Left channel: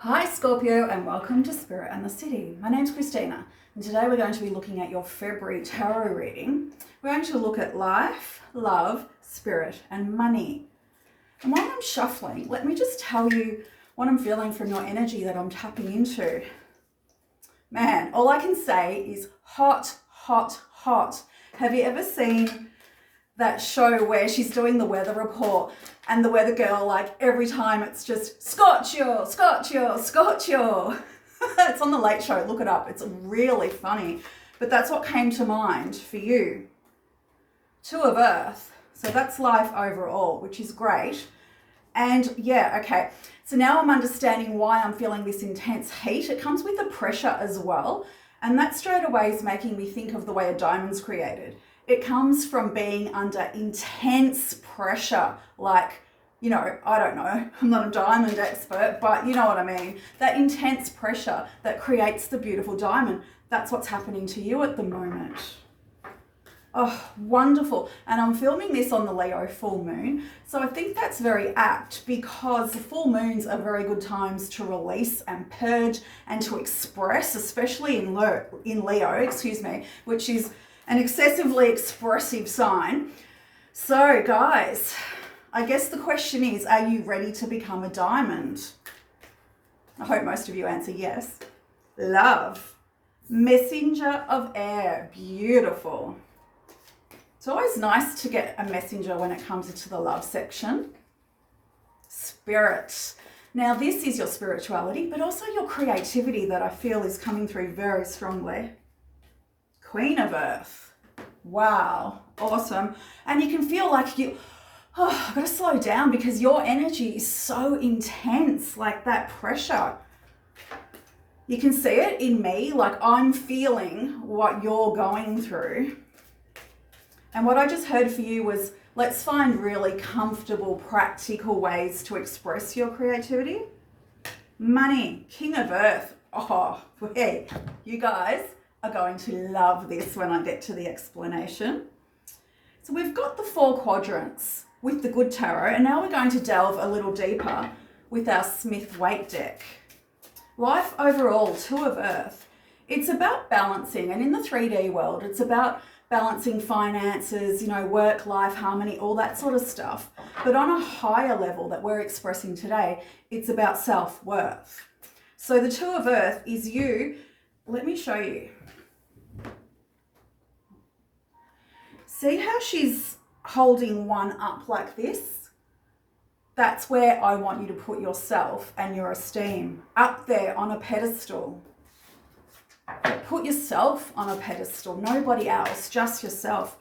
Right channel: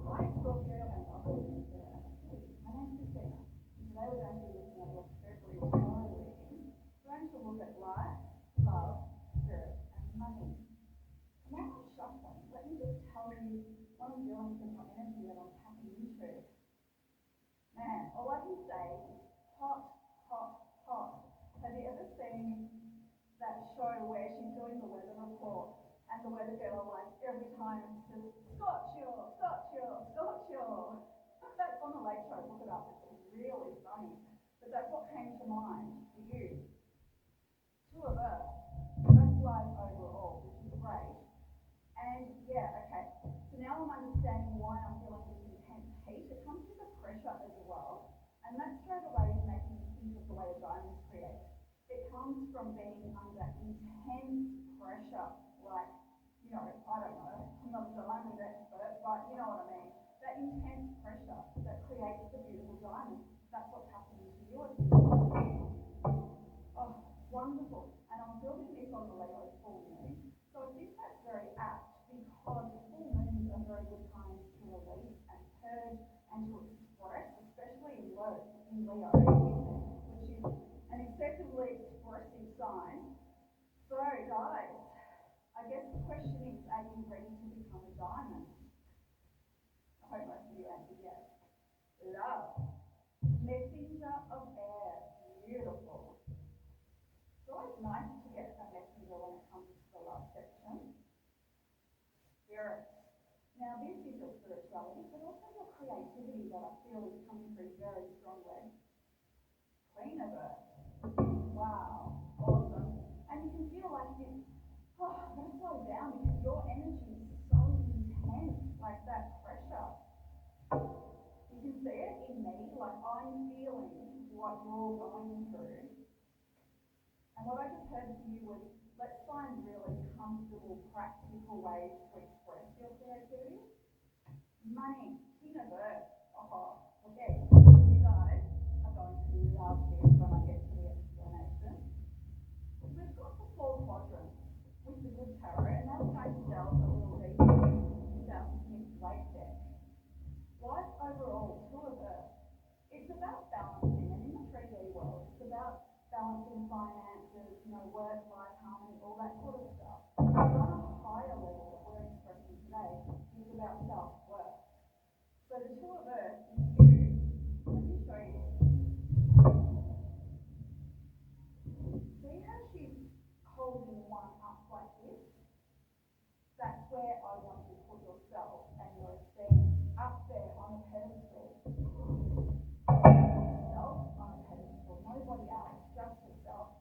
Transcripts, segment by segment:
Hi Scorpio, and welcome to Spirit and the City. My name's Christina, and today we're going to be looking at your February tarot reading. We're going to look at life, love, spirit and money. And while I'm shuffling, let me just tell you what I'm feeling from your energy that I'm tapping into. Man, all I can say is hot, hot, hot. Have you ever seen that show where she's doing the weather report and the weather girl, like every time it's just Scorpio, Scorpio, Scorpio. It's on the Late Show, look it up. It's really funny. But that's what came to mind for you. Two of Earth. So that's life overall, which is great. And yeah, okay. So now I'm understanding why I'm feeling this intense heat. It comes with the pressure as well. And that straight away is making me think of the way a diamond's created. It comes from being under intense pressure, like, you know, I don't know, I'm not a diamond expert, but you know what I mean. That intense pressure that creates the beautiful diamond, that's what's happening to you at the moment. Oh, wonderful. And I'm filming this on the Leo full moon. So I think that's very apt because full moons are very good times to release and purge and to express, especially in Leo, which is an excessively expressive sign. So guys, I guess the question is, are you ready to become a diamond? I hope most of you answer yes. Love. Messenger of air. Beautiful. It's always nice to get a messenger when it comes into the love section. Spirit. Now this is your spirituality, but also your creativity that I feel is coming through very strongly. Queen of Earth. Wow, awesome. And you can feel like I've got to slow down because your energy is so intense, like that pressure. You can see it in me, like I'm feeling what you're going through. And what I just heard for you was, let's find really comfortable, practical ways to express your creativity. Money, King of Earth. Oh, hey, you guys are going to love this when I get to the explanation. So we've got the 4 quadrants with the good tarot, and now we're going to delve a little deeper with our Smith-Waite deck. Life overall, 2 of Earth. It's about balancing, and in the 3D world, it's about balancing finances, work-life harmony, all that sort of stuff. But on a higher level that we're expressing today, it's about self-worth. So the 2 of Earth is you. Let me show you. See how she's holding one up like this? That's where I want you to put yourself and your esteem up there on a pedestal. Put yourself on a pedestal, nobody else, just yourself.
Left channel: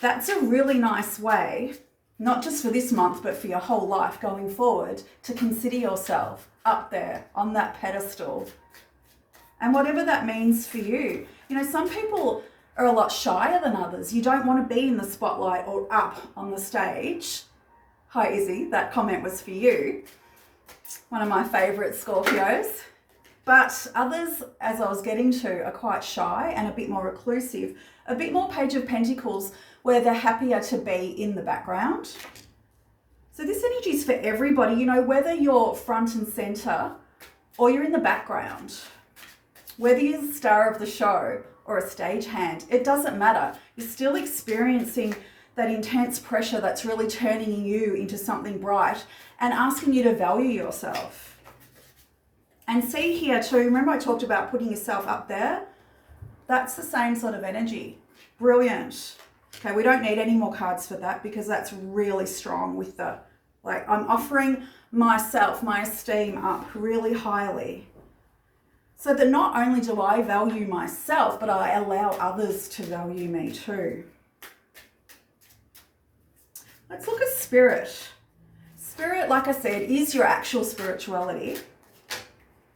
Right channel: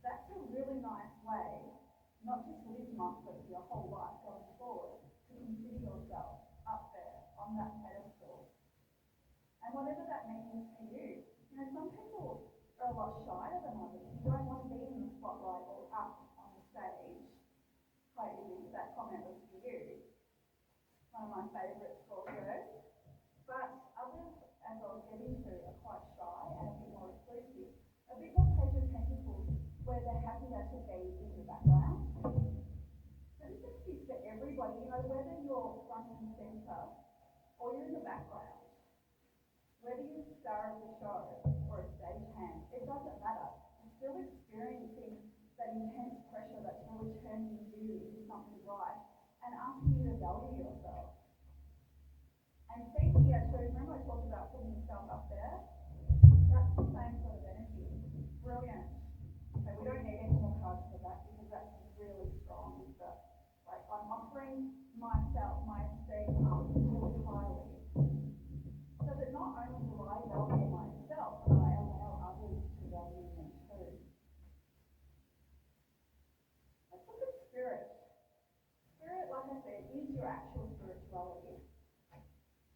That's a really nice way, not just for this month, but for your whole life going forward, to consider yourself up there on that pedestal. And whatever that means for you. Some people are a lot shyer than others. You don't want to be in the spotlight or up on the stage. Hi Izzy, that comment was for you. One of my favourite Scorpios. But others, as I was getting to, are quite shy and a bit more reclusive. A bit more Page of Pentacles, where they're happier to be in the background. So this energy is for everybody, whether you're front and centre or you're in the background. Whether you're the star of the show or a stagehand, it doesn't matter. You're still experiencing that intense pressure that's really turning you into something bright and asking you to value yourself. And see here too, remember I talked about putting yourself up there? That's the same sort of energy. Brilliant. Okay, we don't need any more cards for that because that's really strong with I'm offering myself, my esteem up really highly. So that not only do I value myself, but I allow others to value me too. Let's look at spirit. Spirit, like I said, is your actual spirituality.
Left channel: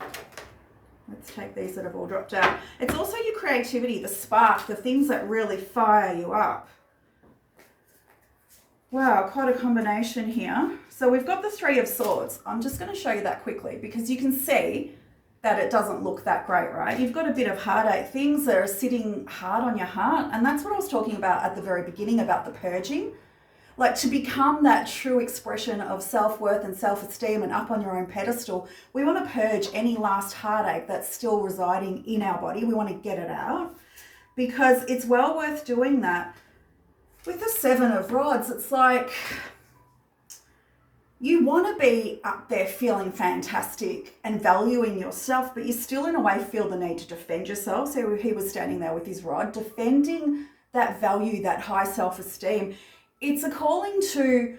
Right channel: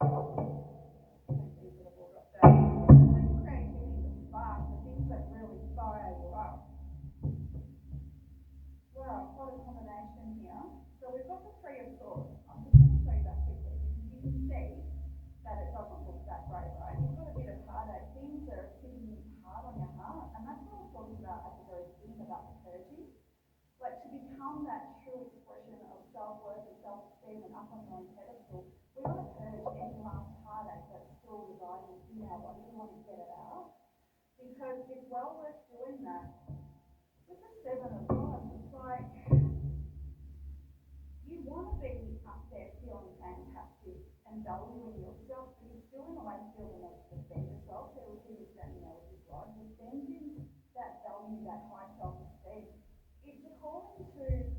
Let's take these that have all dropped out. It's also your creativity, the spark, the things that really fire you up. Wow, quite a combination here. So we've got the 3 of Swords. I'm just going to show you that quickly because you can see that it doesn't look that great, right? You've got a bit of heartache, things that are sitting hard on your heart. And that's what I was talking about at the very beginning about the purging. Like, to become that true expression of self-worth and self-esteem and up on your own pedestal, we want to purge any last heartache that's still residing in our body. We want to get it out, because it's well worth doing that. With the Seven of Rods, it's like you want to be up there feeling fantastic and valuing yourself, but you still in a way feel the need to defend yourself. So he was standing there with his rod, defending that value, that high self-esteem. It's a calling to,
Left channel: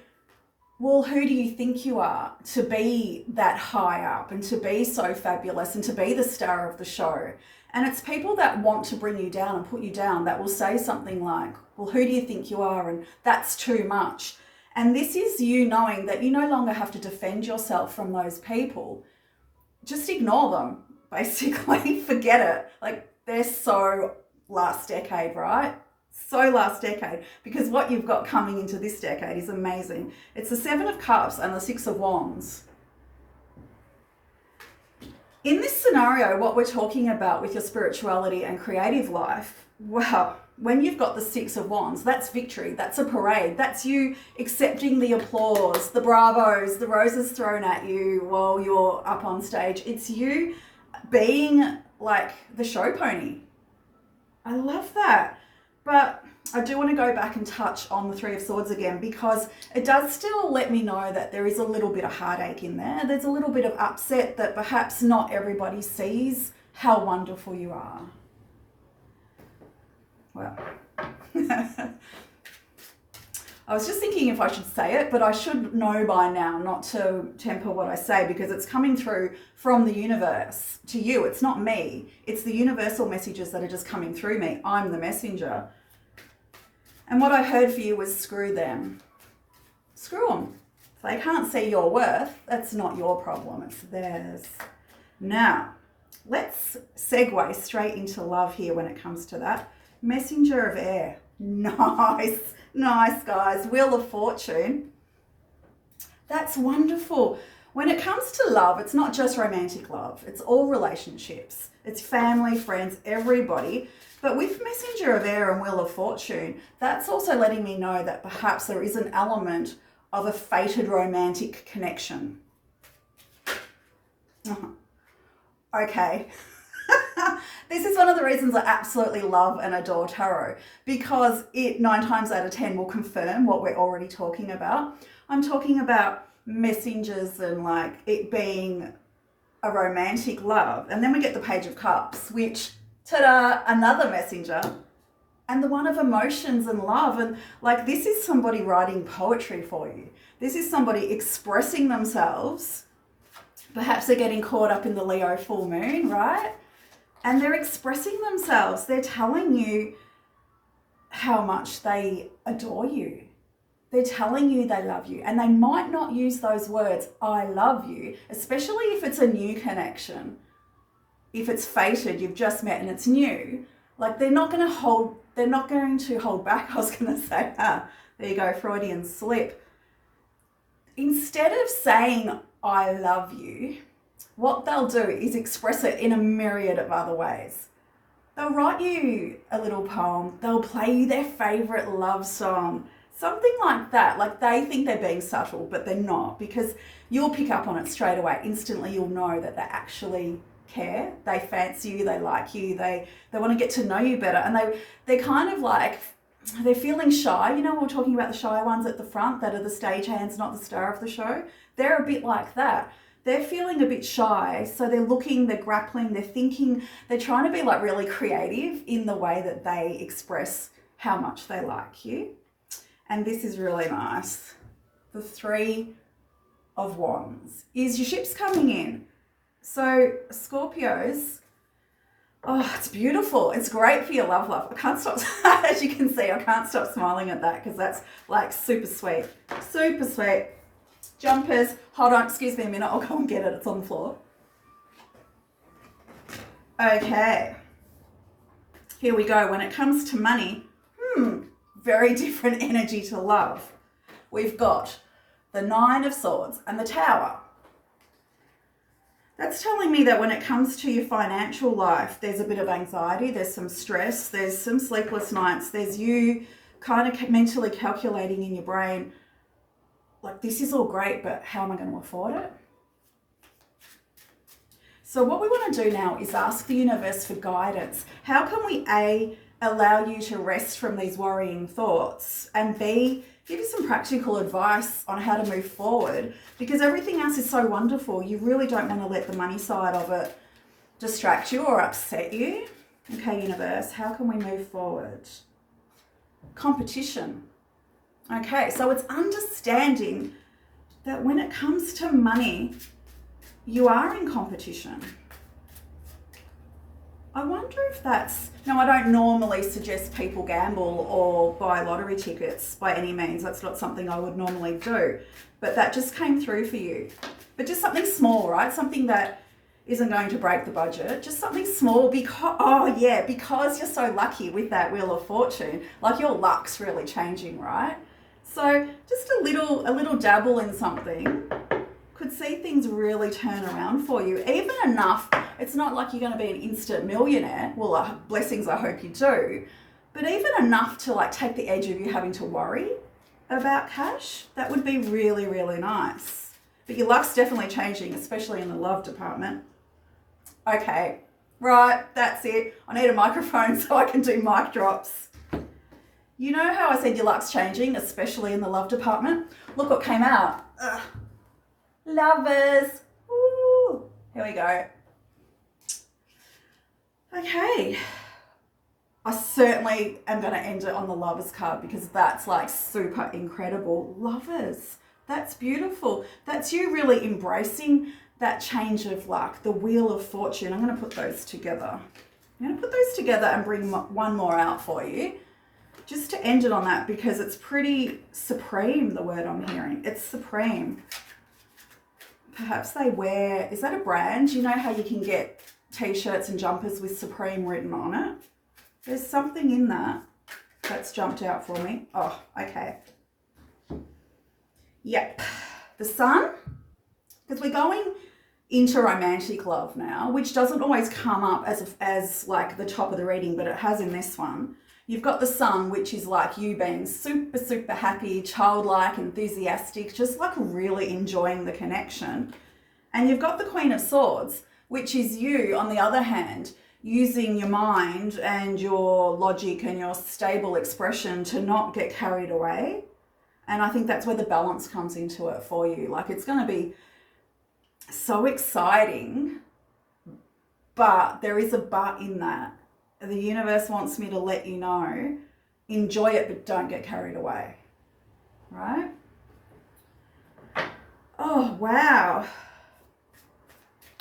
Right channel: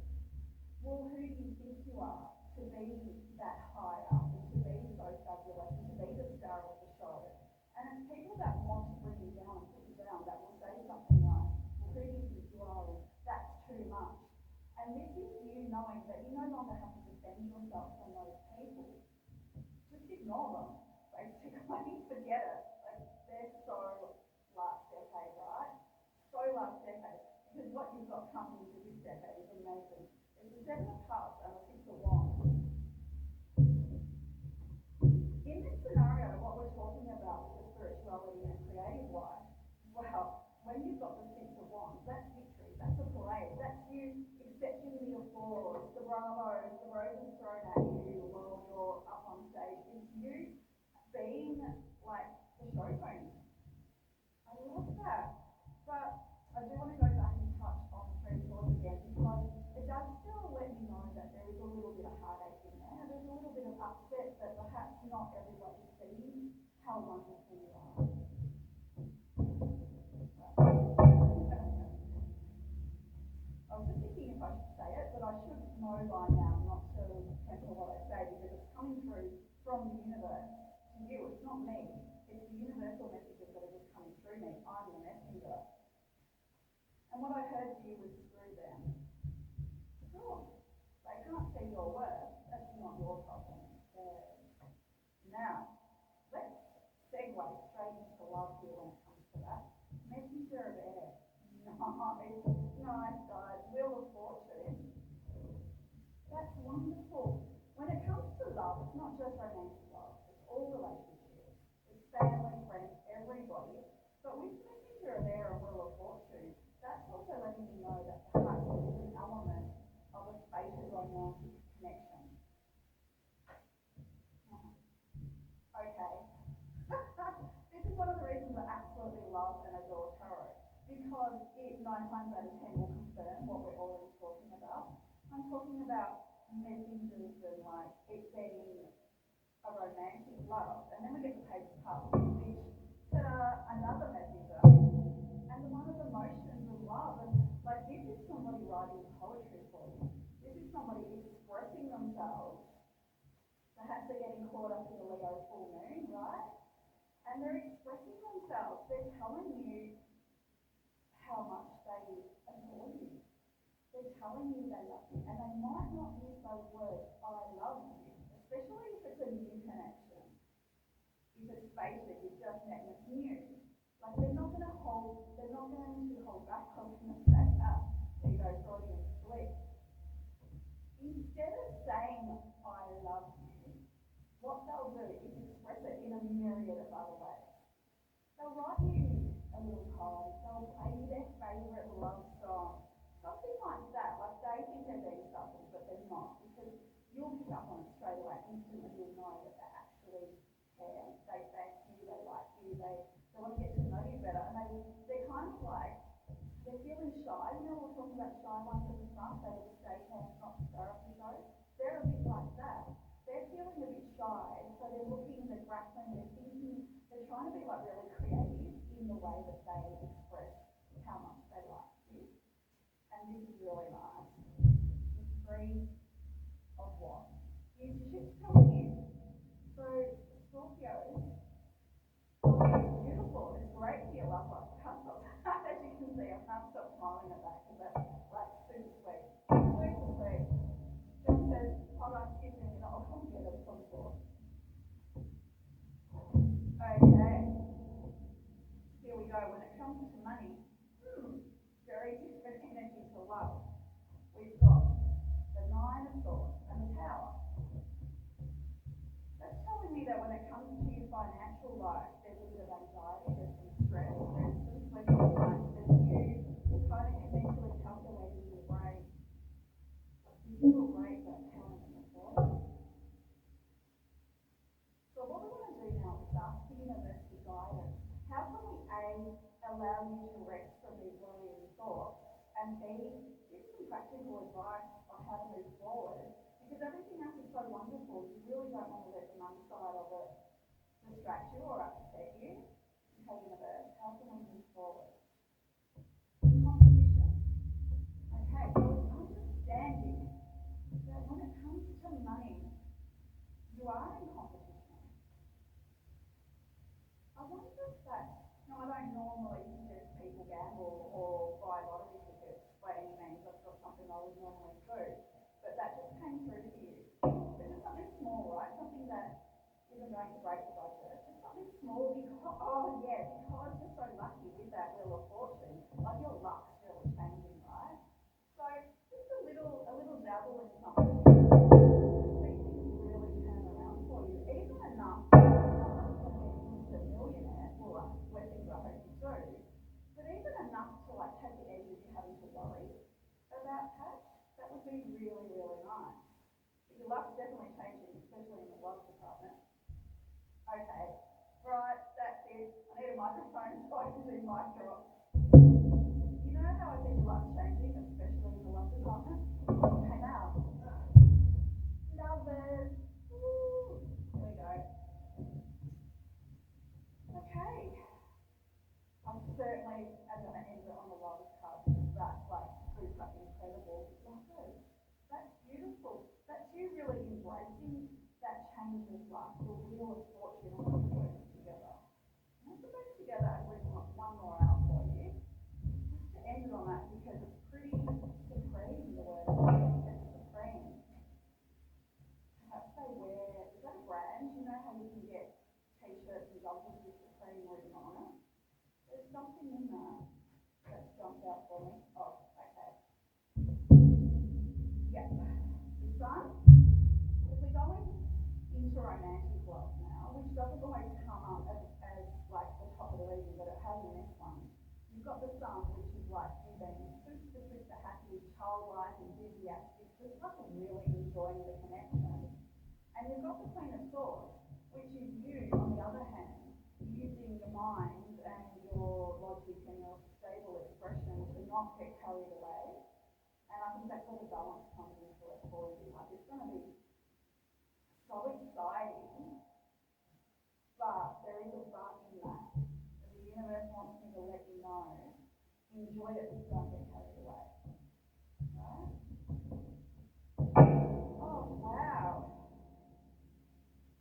well, who do you think you are to be that high up and to be so fabulous and to be the star of the show? And it's people that want to bring you down and put you down that will say something like, well, who do you think you are? And that's too much. And this is you knowing that you no longer have to defend yourself from those people. Just ignore them, basically. Forget it. Like, they're so last decade, right? So last decade, because what you've got coming into this decade is amazing. It's the Seven of Cups and the Six of Wands. In this scenario, what we're talking about with your spirituality and creative life, wow, when you've got the Six of Wands, that's victory, that's a parade, that's you accepting the applause, the bravos, the roses thrown at you while you're up on stage. It's you being like the show pony. I love that. But I do want to go back and touch on the Three of Swords again, because it does still let me know that there is a little bit of heartache in there. There's a little bit of upset that perhaps not everybody sees how wonderful you are. Well, I was just thinking if I should say it, but I should know by now not to temper what I say, because it's coming through from the universe to you. It's not me. It's the universal messages that are just coming through me. I'm the messenger. And what I heard for you was screw them. Screw them. If they can't see your worth, that's not your problem, it's theirs. Now, let's segue straight into love here when it comes to that. Messenger of air. Nice, nice, guys. Wheel of Fortune. That's wonderful. When it comes to love, it's not just romantic love. It's all relationships. It's family, friends, everybody. But with Messenger of Air and Wheel of Fortune, that's also letting me know that perhaps there is an element of a fated romantic connection. Okay. This is one of the reasons I absolutely love and adore tarot, because it 9 times out of 10 will confirm what we're already talking about. I'm talking about messengers and like it being a romantic love. And then we get the Page of Cups, which, ta-da, another messenger, and the one of emotions and love. And like, this is somebody writing poetry for you. This is somebody expressing themselves. Perhaps they're getting caught up in the Leo full moon, right? And they're expressing themselves. They're telling you how much they adore you. They're telling you they love you. And they might not use those words, I love you, especially if it's a new connection. If it's fated, you've just met and it's new. Like, they're not going to hold back. I was going to say, there you go, Freudian slip. Instead of saying, I love you, what they'll do is express it in a myriad of other ways. They'll write you a little poem. They'll play you their favorite love song. Something like that. Like, they think they're being subtle, but they're not, because you'll pick up on it straight away. Instantly, you'll know that they actually care. They fancy you. They like you. They want to get to know you better. And they're kind of like, they're feeling shy. You know, we're talking about the shy ones at the front that are the stagehands, not the star of the show. They're a bit like that. They're feeling a bit shy, so they're looking, they're grappling, they're thinking, they're trying to be like really creative in the way that they express how much they like you. And this is really nice. The Three of Wands is your ships coming in. So Scorpios, oh, it's beautiful. It's great for your love life. I can't stop, as you can see, I can't stop smiling at that, because that's like super sweet. Super sweet. Jumpers, hold on, excuse me a minute, I'll go and get it, it's on the floor. Okay, here we go. When it comes to money, very different energy to love. We've got the Nine of Swords and the Tower. That's telling me that when it comes to your financial life, there's a bit of anxiety, there's some stress, there's some sleepless nights, there's you kind of mentally calculating in your brain, like, this is all great, but how am I going to afford it? So what we want to do now is ask the universe for guidance. How can we A, allow you to rest from these worrying thoughts, and B, give you some practical advice on how to move forward, because everything else is so wonderful. You really don't want to let the money side of it distract you or upset you. Okay, universe, how can we move forward? Competition. Okay, so it's understanding that when it comes to money, you are in competition. I wonder if that's... Now, I don't normally suggest people gamble or buy lottery tickets by any means. That's not something I would normally do. But that just came through for you. But just something small, right? Something that isn't going to break the budget. Just something small because you're so lucky with that Wheel of Fortune. Like, your luck's really changing, right? So just a little dabble in something could see things really turn around for you. Even enough, it's not like you're going to be an instant millionaire. Well, blessings, I hope you do. But even enough to like take the edge of you having to worry about cash, that would be really, really nice. But your luck's definitely changing, especially in the love department. Okay, right, that's it. I need a microphone so I can do mic drops. You know how I said your luck's changing, especially in the love department? Look what came out. Ugh. Lovers. Woo. Here we go. Okay. I certainly am going to end it on the lovers card because that's like super incredible. Lovers. That's beautiful. That's you really embracing that change of luck, the Wheel of Fortune. I'm going to put those together. And bring one more out for you. Just to end it on that, because it's pretty supreme, the word I'm hearing. It's supreme. Perhaps they wear, is that a brand? You know how you can get t-shirts and jumpers with Supreme written on it? There's something in that that's jumped out for me. Oh, okay. Yep. The Sun, because we're going into romantic love now, which doesn't always come up as like the top of the reading, but it has in this one. You've got the Sun, which is like you being super, super happy, childlike, enthusiastic, just like really enjoying the connection. And you've got the Queen of Swords, which is you, on the other hand, using your mind and your logic and your stable expression to not get carried away. And I think that's where the balance comes into it for you. Like, it's going to be so exciting, but there is a but in that. The universe wants me to let you know, enjoy it, but don't get carried away, right? Oh, wow.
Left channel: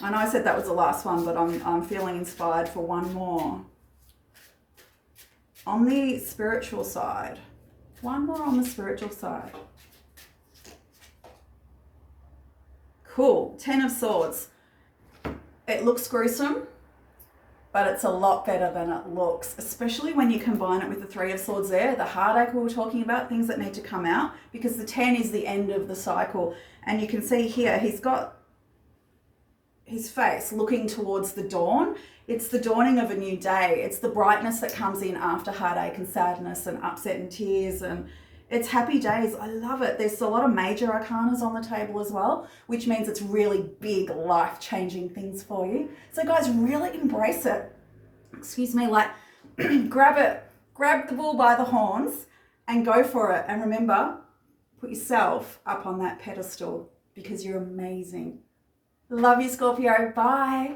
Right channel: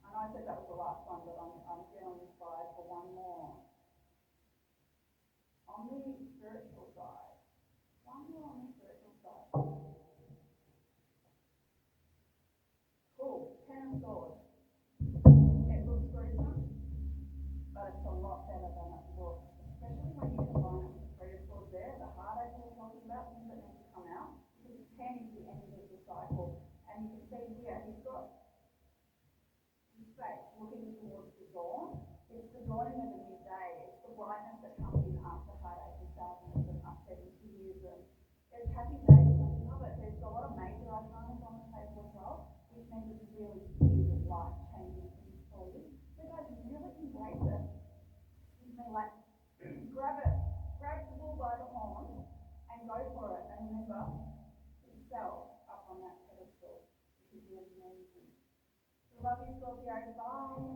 I know I said that was the last one, but I'm feeling inspired for one more. On the spiritual side, one more on the spiritual side. Cool, 10 of Swords. It looks gruesome, but it's a lot better than it looks, especially when you combine it with the 3 of Swords there, the heartache we were talking about, things that need to come out, because the 10 is the end of the cycle. And you can see here, he's got his face looking towards the dawn. It's the dawning of a new day. It's the brightness that comes in after heartache and sadness and upset and tears, and it's happy days. I love it. There's a lot of major arcanas on the table as well, which means it's really big, life-changing things for you. So guys, really embrace it. Excuse me, like grab it, grab the bull by the horns and go for it. And remember, put yourself up on that pedestal because you're amazing. Love you, Scorpio. Bye.